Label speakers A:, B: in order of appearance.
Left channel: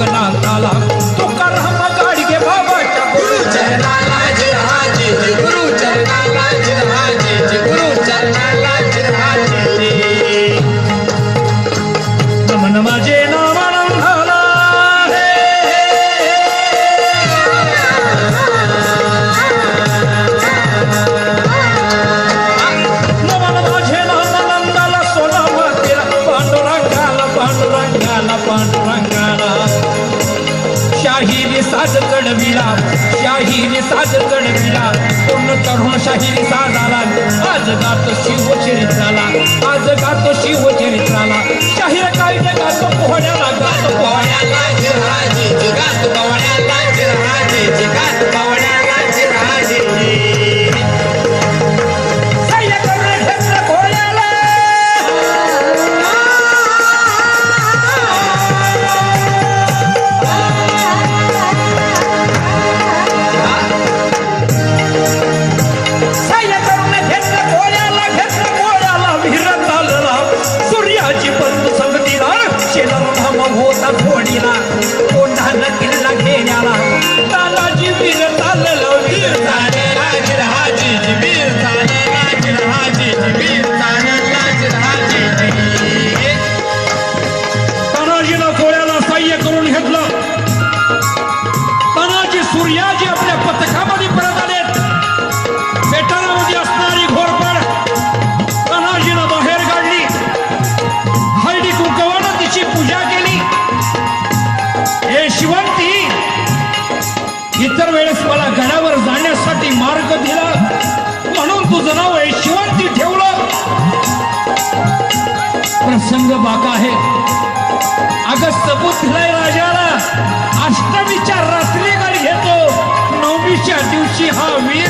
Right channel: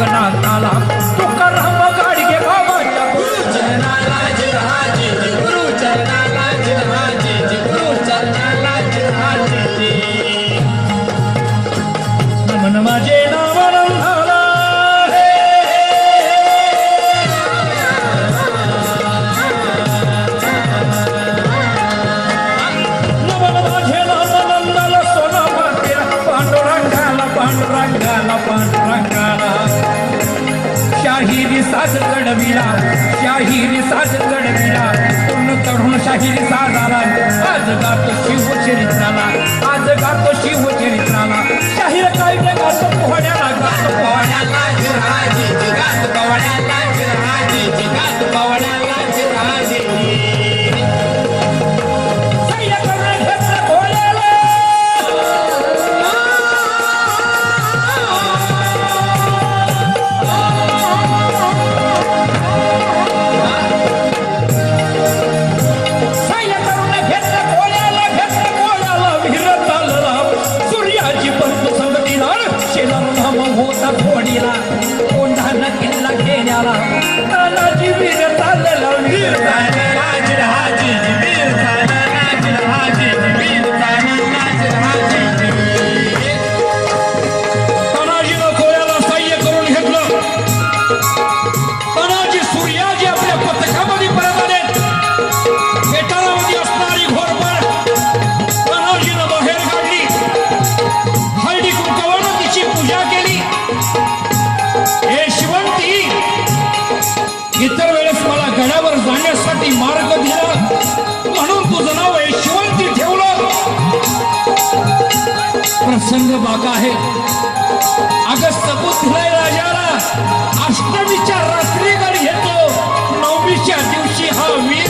A: kanal ala साज चढविला शाहीने साज चढविला तरुण शाहीने साजारा आज गात 你了。इतर वेळेस मला गडावर जाण्यासाठी मार्ग दिला. म्हणून तुझं नाव यशवंती ठेवलं. प्रसंग बाका आहे. अगस्त सपुत्राय राजाला अष्टमीच्या रात्री गड घेतो नवमीच्या दिवशी हा वीर